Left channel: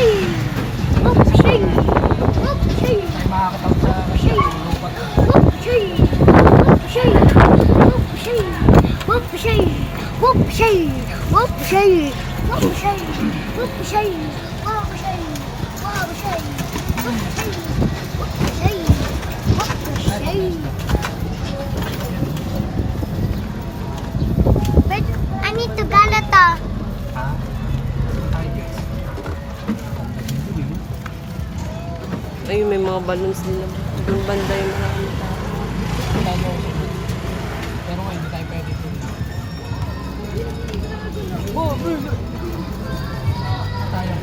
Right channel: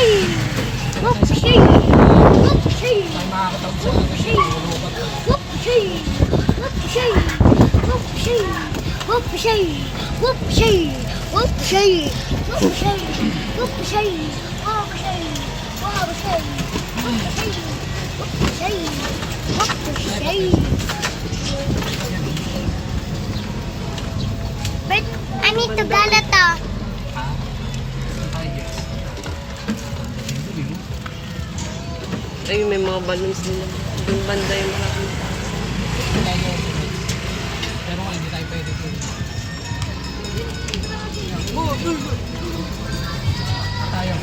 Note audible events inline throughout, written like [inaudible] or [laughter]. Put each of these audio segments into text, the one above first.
Whoopsie! Whoopsie! Whoopsie! Ay makakatawag sa lupat. Whoopsie! Whoopsie! Whoopsie! Whoopsie! Whoopsie! Whoopsie! Whoopsie! Whoopsie! Whoopsie! Whoopsie! Whoopsie! Whoopsie! But I need to galata. Ha? Ayun, may mga balloons din naman. Doon banda yung maraming tao. Pero hindi tayo pwede po. Tayo.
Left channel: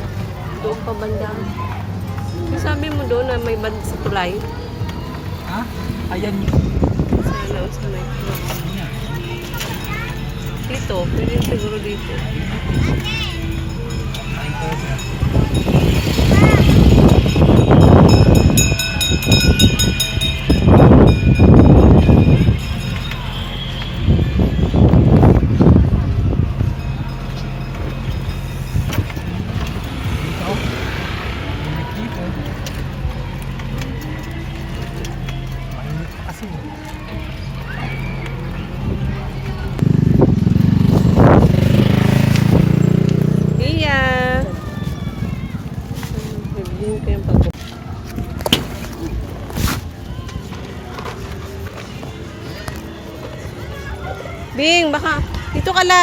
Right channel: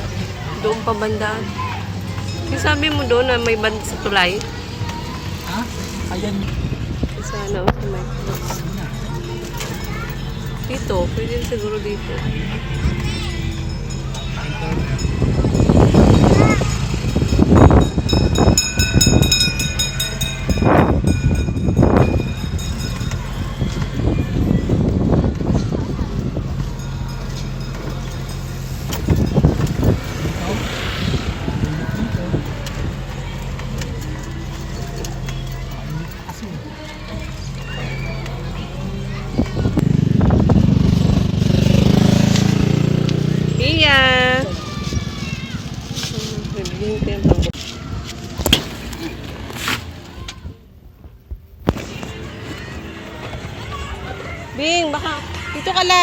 Doon pa banda. Yung sabi mo doon na may banda sa tulay. Ha? Ayan. Sana o sa may Dito, pwede siguro dito. Dito.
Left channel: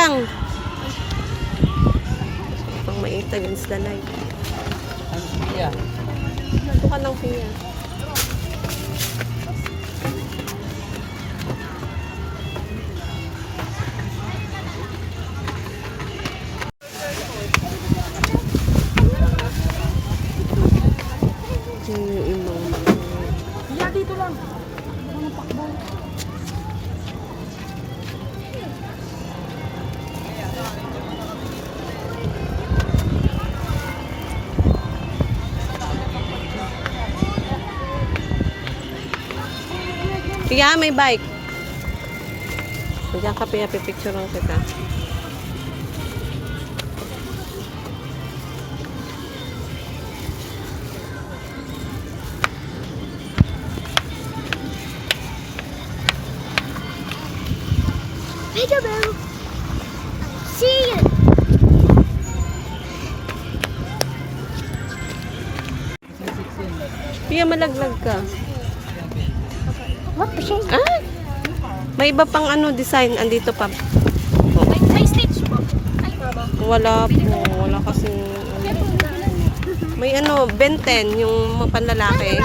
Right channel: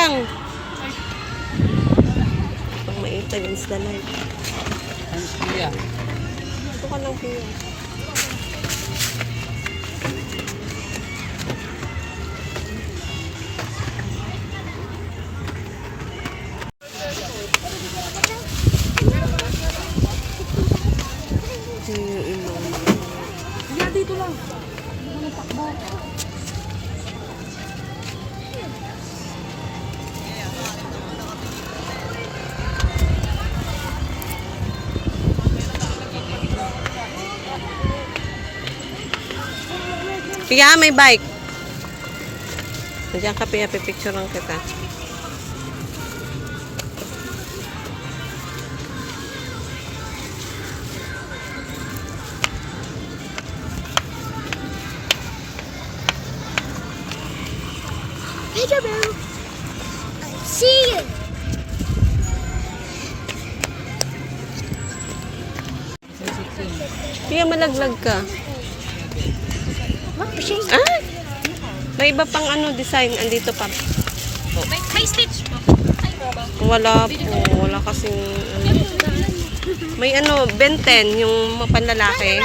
lang. Pang mait against the light. Ang piya. Ito ka ng piya. Pia, may bike. Diyan ka, Pia, pipicturean kita. Peekaboo! I see you! Pia, malaglag ka. Whoopsie! Ah! May iba pang ano design andito pa. May stitch po. Wala po, wala kasing ano. May ano, Ben 10, yung mga panlalaki.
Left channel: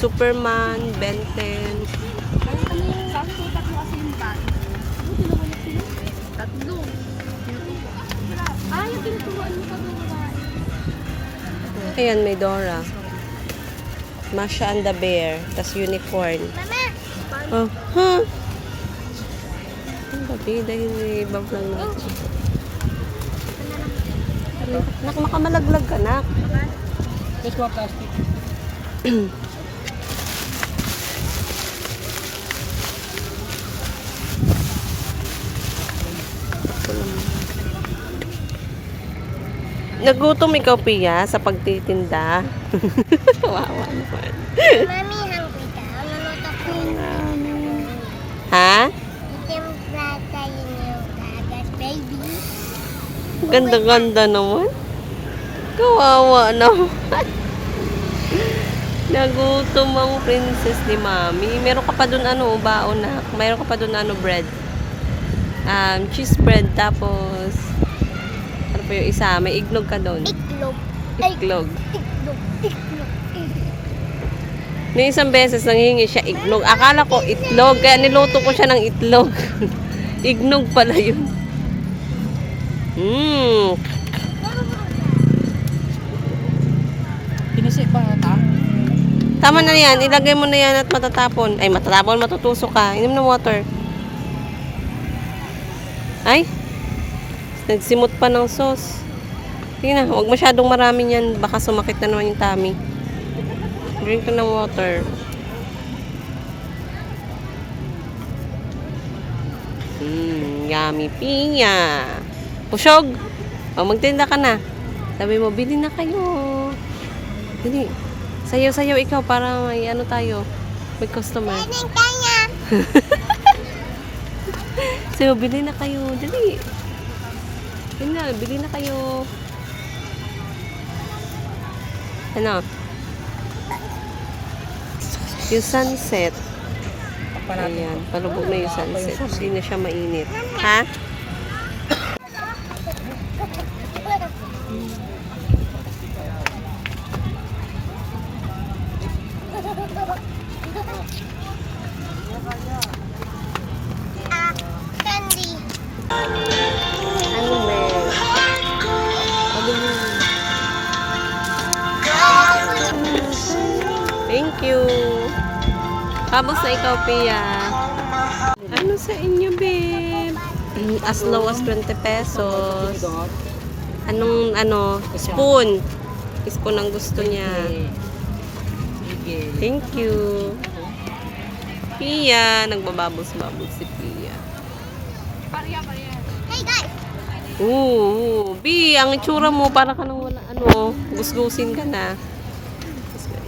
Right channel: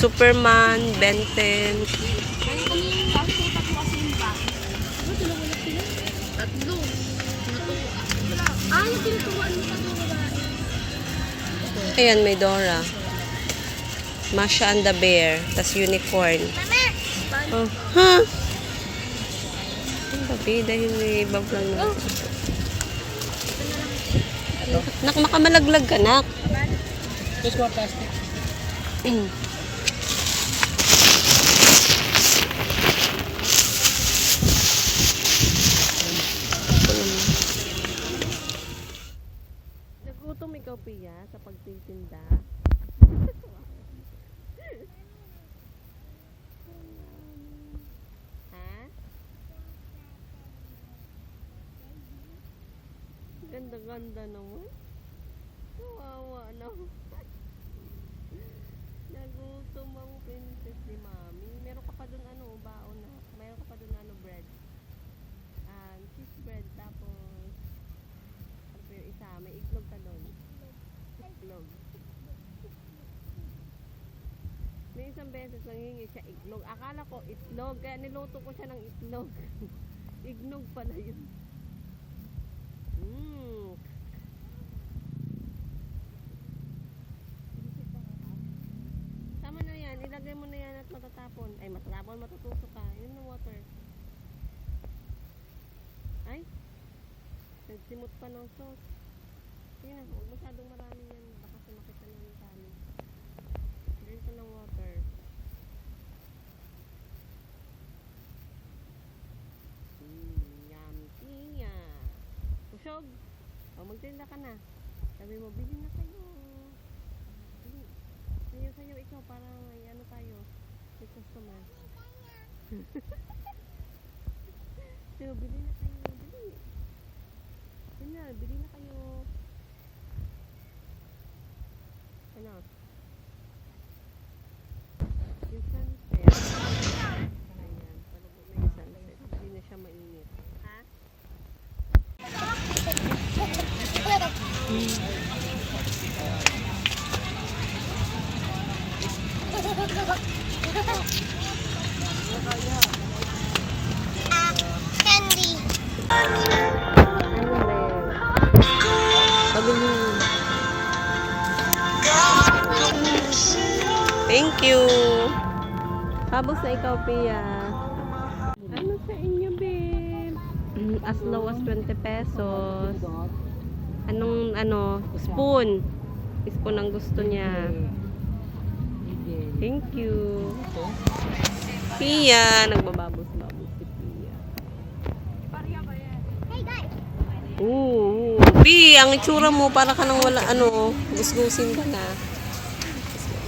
Superman, Ben 10. Tatlo. Ah, yung tinuturuan mo pa. Ayan, may Dora. Masha and the Bear, tas unicorn. Oh, ha? Babi, dahil i-bump lang natin. Nak, nakamalaglag ka, nak. Just one plastic. Ito. Nagutom ikaw, Pia, sa pagtitinda. [laughs] Wawa naman. Mami, hungry ka. Luluto ko yung Ha? timplata yun yung gagas, baby. Ganda-ganda naman. Kawawa naman. [laughs] Nagutom ang princess ni Mami. Meron ka pa dun ano, baon na. Meron ka pa dun ano, bread. Um, cheese bread. Tapos, ano pa yung isa? May ignog ka dun. Iklog. Ay, Iglog. iklog. Iklog. May isang beses nanghingi siya iglog. Akala ko itlog. Kaya niluto ko siya ng itlog. [laughs] ignog pala yun. Mmm. Pinisi pa ata. Tama na yan. Ilagay mo na yan at matatapon. Ay, matatapon. Matutusok ka. Inom ng water. Ay. Nagsimot pa ng sauce. Sige na. Huwag masyadong marami yan. Baka sumakit na naman yung tummy. Drink ka ng water. Mmm, yummy pinya. Pusyog. O, magtinda ka na. Sabi mo, bili na kayo. Dili. Sayaw-sayaw ikaw para may ano tayo. May customer. Kanin kaya. [laughs] Mo, bili na kayo. Dali. Yun na, bili na kayo. Ano? Yung sunset. Ayan, palubog na yung sunset. Hindi na siya mainit. Ha? Ah, candy. Ano ba? Sabi mo. Thank you. Habang sa ikaw, Pia. Ano sa inyo, babe? Mm, As low as 20 pesos. Anong, ano, spoon. Spoon ang gusto niya. Thank you. Pia. Nagbababos-babos si Pia. Hey guys. Oo. Pi, ang itsura mo para ka nang wala, ano, gusgusin ka na.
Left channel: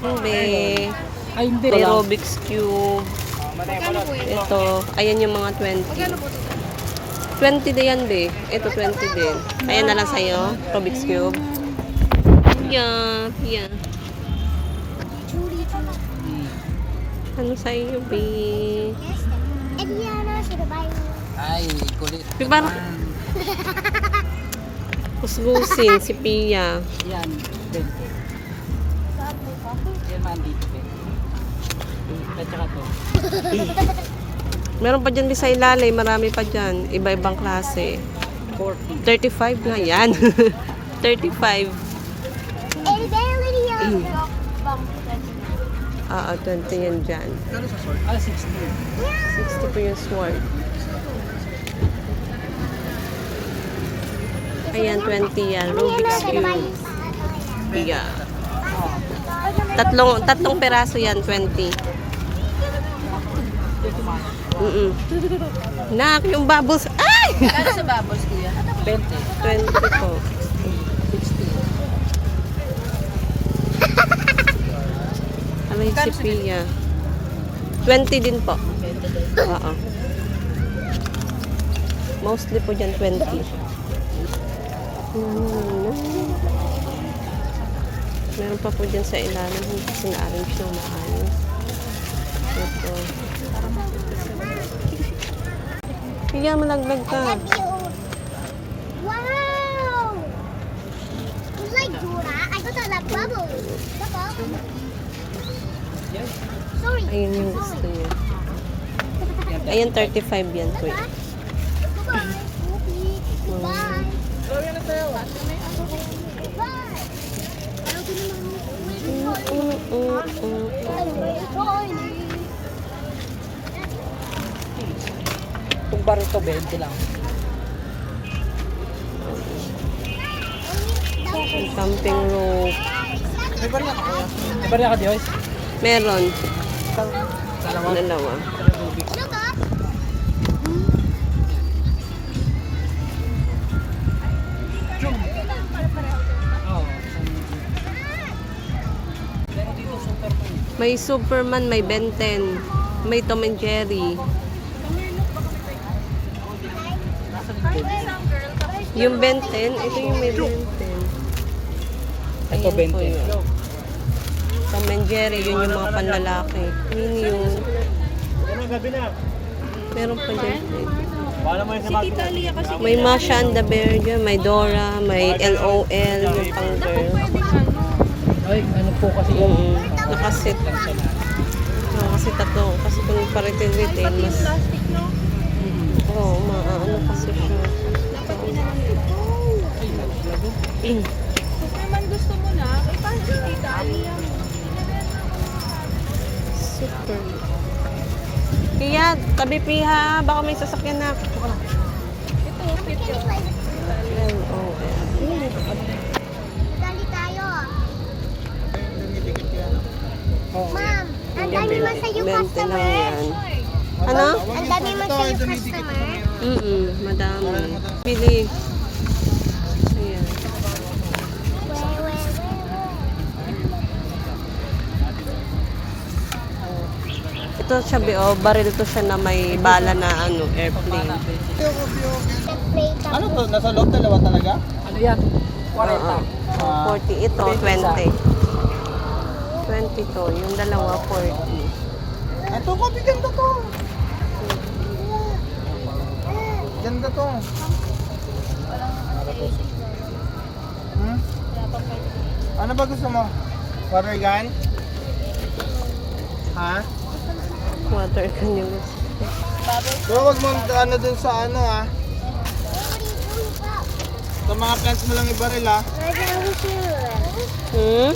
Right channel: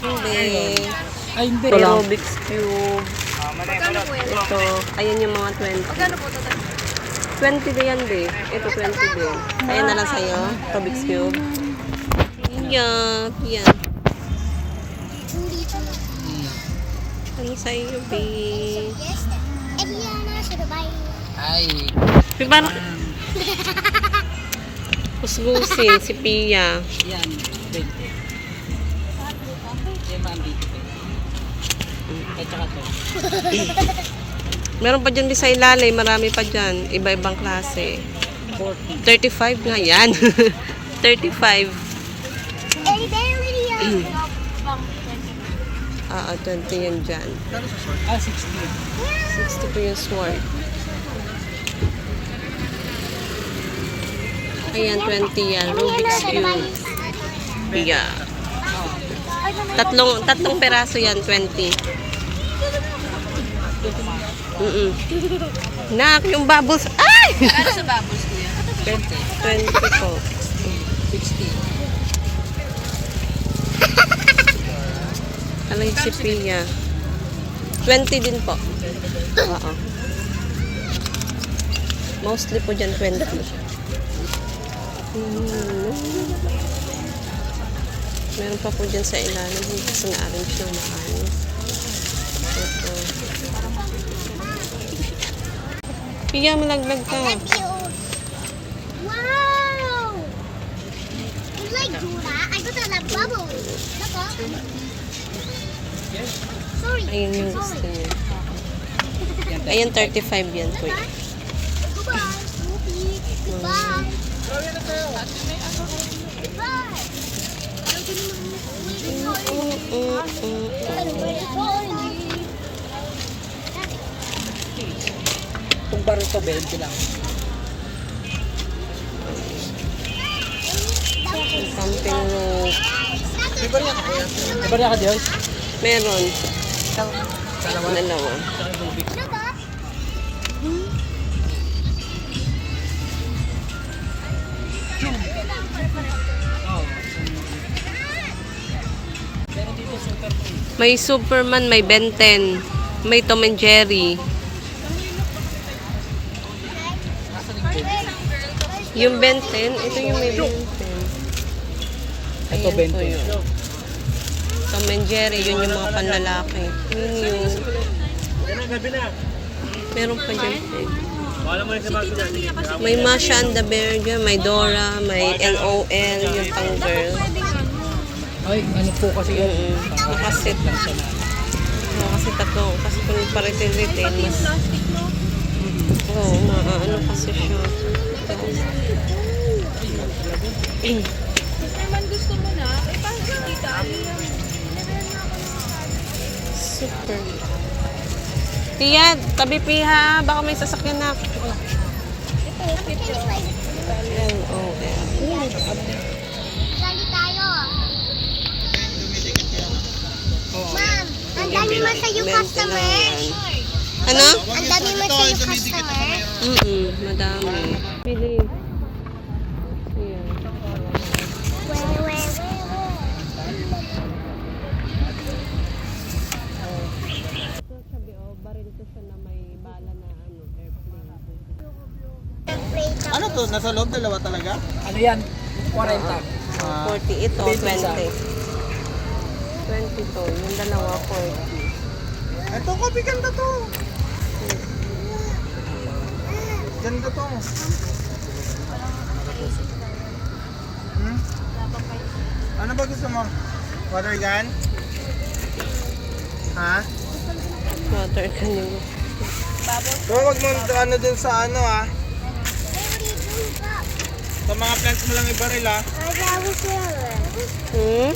Hindi. Ay, hindi. May Rubik's Cube. Ito. Ayan yung mga 20. 20 din yan, be. Ito, 20 din. Ayan na lang sa'yo. Rubik's Cube. Judy, Judy. Ano sa'yo, be? Ay. Be, parang gusgusin si Pia. Yan. 20. Yan, ma'am, 20. At saka to. [laughs] Meron pa dyan sa ilalim. Marami pa dyan. Iba-ibang klase. 40. 35 nga yan. 35. Eddie Belly. Ah, ah, 20 yan dyan. Ah, 60. 60 po yung sword. Ayan, 20 yan. Rubik's Cube. Yeah. Tatlong, tatlong peraso yan, 20. Mm Nak, yung bubbles. Ay! Ano sa bubbles ko yan? 20. 20 po. 60. Ano yung si Pia? 20 din po. Oo. Mostly po dyan 20. Hmm. Meron pa po dyan sa ilalim. Hindi kasi na-arrange ng maayos. Ito. Pia, malaglag ka. Wow! You like Dora? I just like bubbles. Look up. Sorry. Ayun yung gusto niya. Ayun, 35 yan po. Goodbye. Snoopy. Goodbye. Goodbye. Ayaw ko naman Mm, mm, mm, mm. Itong bar ito, 20 lang. Camping rope. May bariya ka kuya? May bariya ka, Diyos? Meron. Dalawa. Dalawa. May Superman, may Ben 10. May Tom and Jerry. Yung Ben 10, ito yung may Ben 10. Ito, Ayan po 20. yun. Tom and Jerry, yun yung mga panlalaki. Yun yun. Meron pa dyan. eh. May Masha and the Bear dyan, may Dora, may LOL, yung pang girl. Ay, ano po kasi yun? Mm Nakasit. Oo, kasi tatlo. Kasi kung pa-retail-retail, mas... Oo, maano kasi siya. Superman gusto mo na, eh paano si Tita Aliyah mo? Super. Tia, tabi piha. Baka may sasakyan na. LOL. Lagi tayo. Oo. Ma'am, ang dami lang customer. yan. Ano? Ang dami mo sa'yo customer. Mm-mm, madami. Pili. Ayan. Ito siya, oh, baril to siya na may bala na ano, airplane. Ano to? Nasa loob dalawa talaga? Ano yan? 40. Uh, 40. Ito, 20. 20 to. Yung dalawa, 40. Ito ko, biganda to. Ganda to. Hmm? Ano ba gusto mo? Water gun? Ha? Water can yung gusto. Pero wag mo ano dun sa ano ah. Sa mga plants mo lang ibaril ah. Hmm?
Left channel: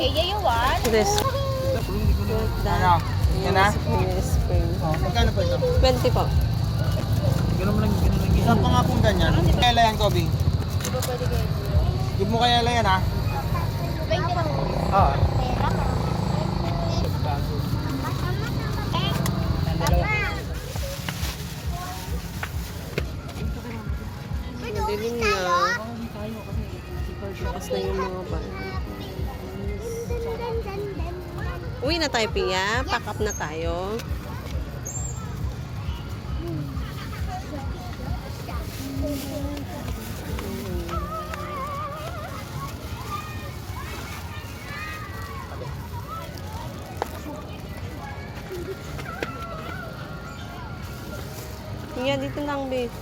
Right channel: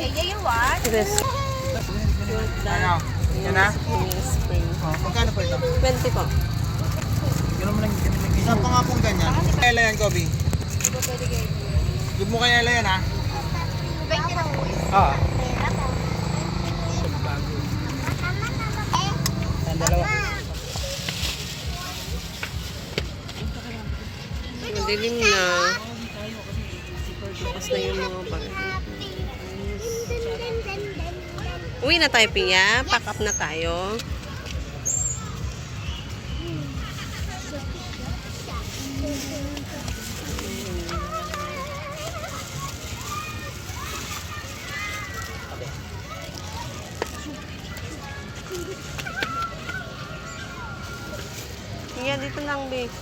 Eh, you what? Yes. Ano? Yan na? Spring. Oh, magkano po ito? 20 po. Isang pa nga pong ganyan. Kaya yan, Kobe. Give mo kaya yan ah. Ah. Madilim na. Bukas na yung mga bar. Uwi na tayo, Pia. Pack up na tayo. Pia, dito lang, babe.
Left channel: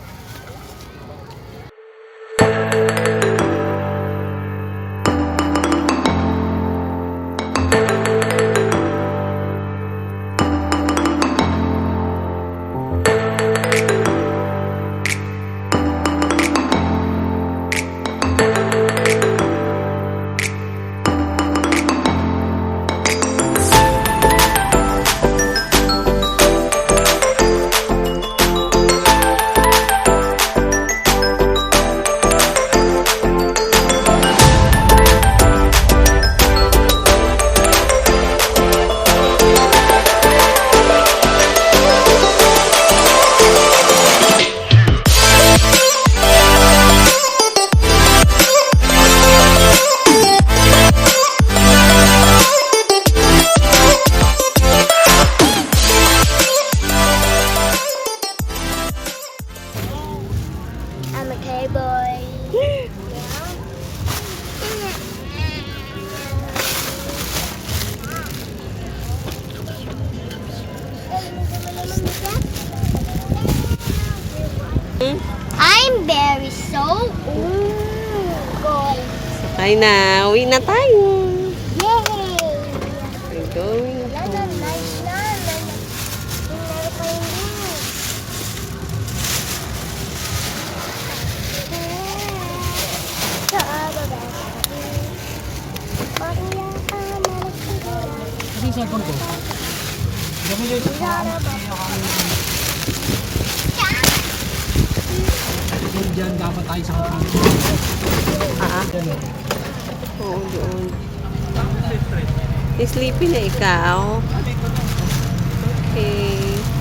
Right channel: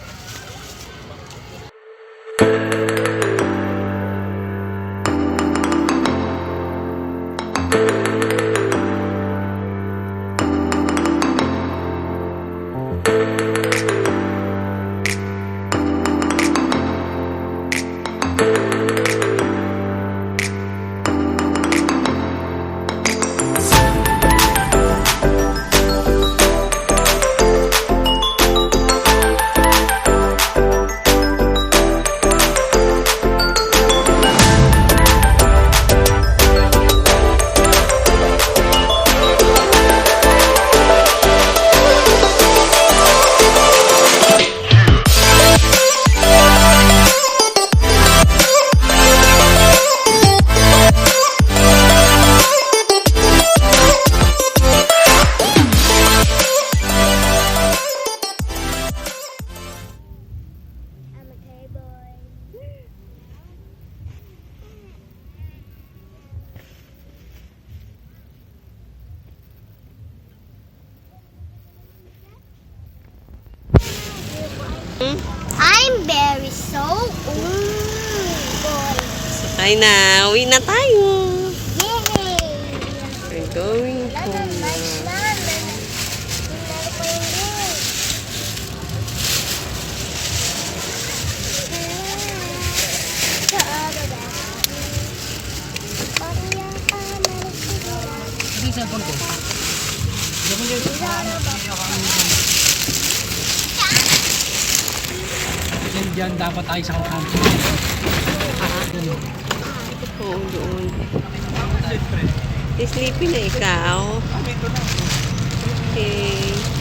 Cowboy. I'm very so good. Sakay na. Uwi na tayo. Yay! We're going Lalo, home na. nice na. Lalo. Lalo ko yung din. Sa araw ba? Parang yan pa, meron siguro. Ano yung cellphone ko? Gawin yun. Diyan, diyan dapat tayo sa kanan. Ah, o. oo, doon. Sleepy na ikaw. Okay.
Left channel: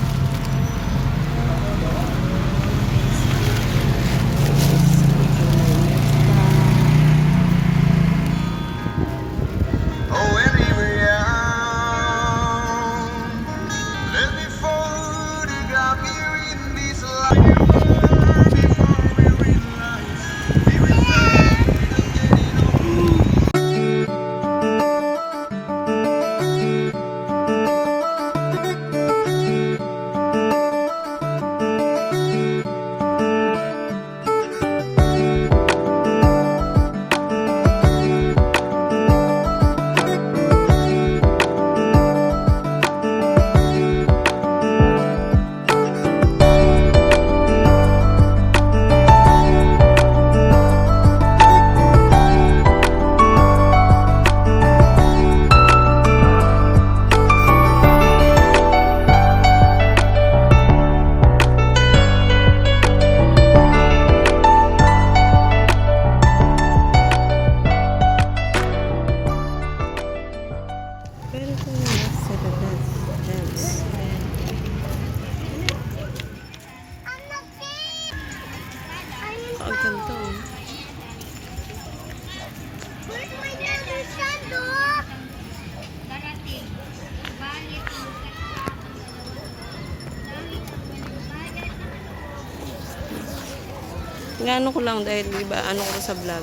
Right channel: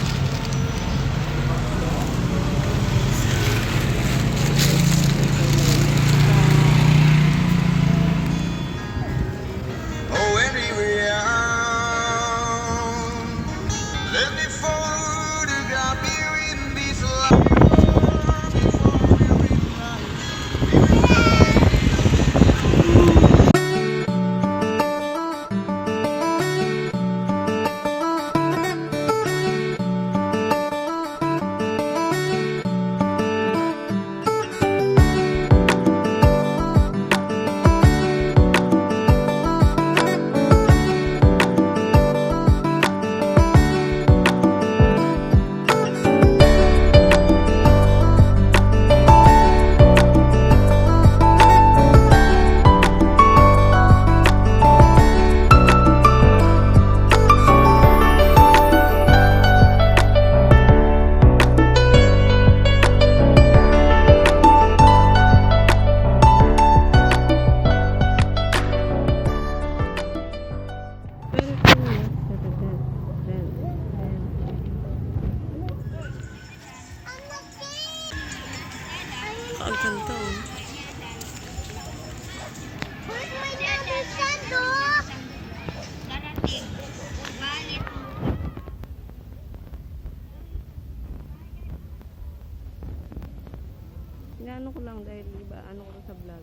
Inaano ko lang dahil iba ano ko sa vlog.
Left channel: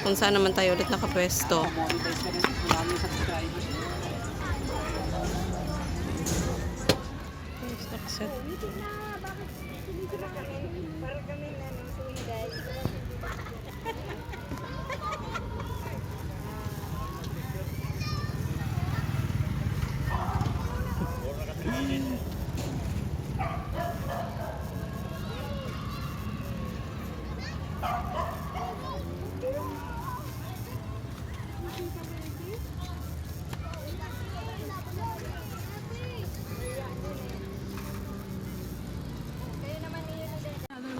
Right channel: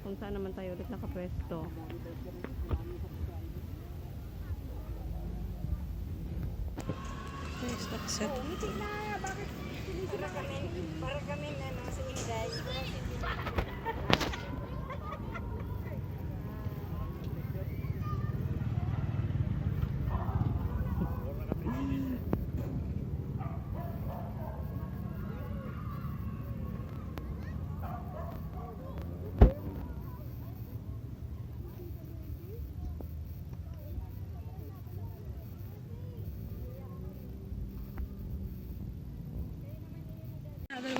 Kung saan naman tayo ulit nakapwesto. Monetize ka rin. Maraming subscribers. [laughs] Guys, nakaset. Ano yung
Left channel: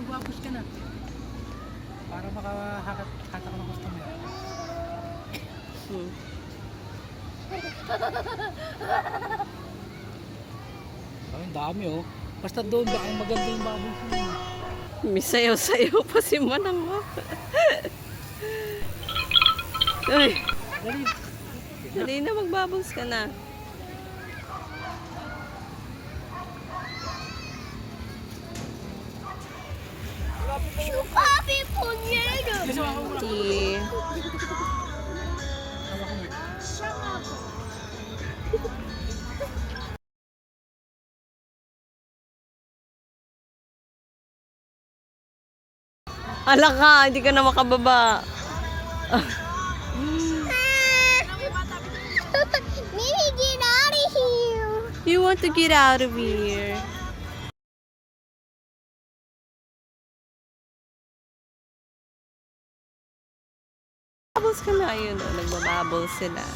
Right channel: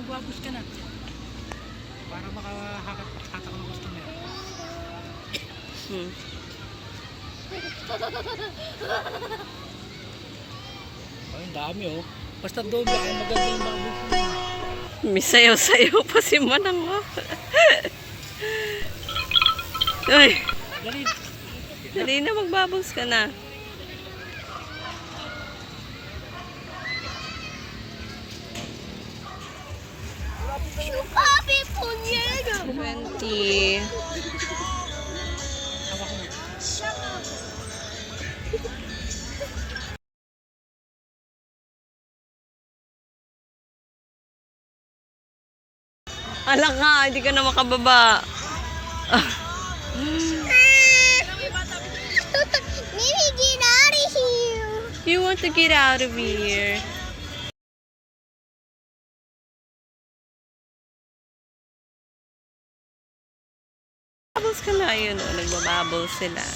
guwapos ka na? Para makahakat hatak ka ng customer. Hmm. Ay, ang dami oh. Basta doon ba ang maganda yung bago ko. May sayaw-sayaw pa si Manang. oh. Ay, Dali. dali na magbabos ka na. 20. Shut up. Ala ka, hindi ka na makababa. [laughs] You want to get out of here. Bubbles ka na, yun o, nagbabubbles sila.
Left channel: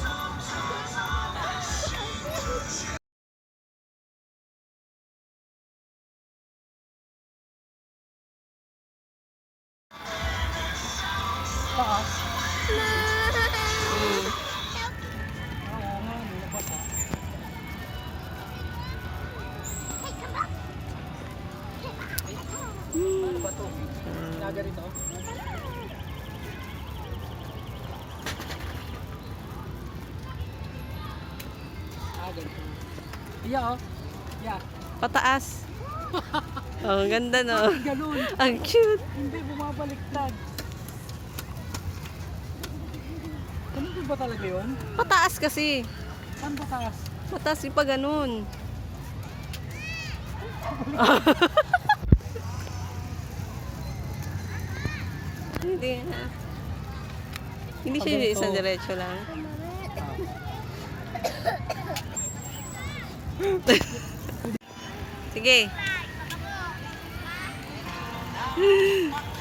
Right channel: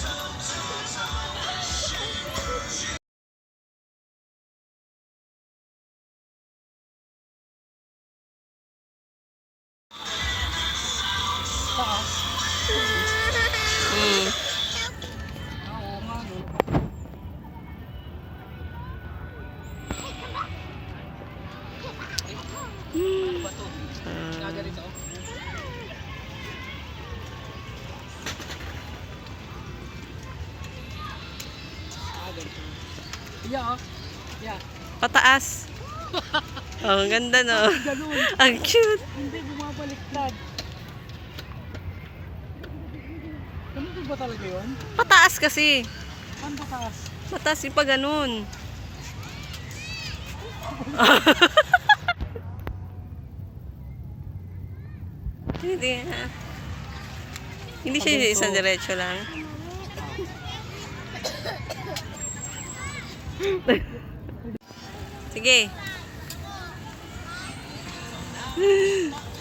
Yeah, oh. Yeah. Pataas. [laughs] Oh, ang ganda no. Ganun. [laughs] Ang cute. Hindi bumabaliktad. Ganun ba talaga yun? Pataas kasi. Paano pataas? Pataas yung pa ganun. [laughs] Hindi. ah. Hindi siya isang diretso lang. Sige. [laughs]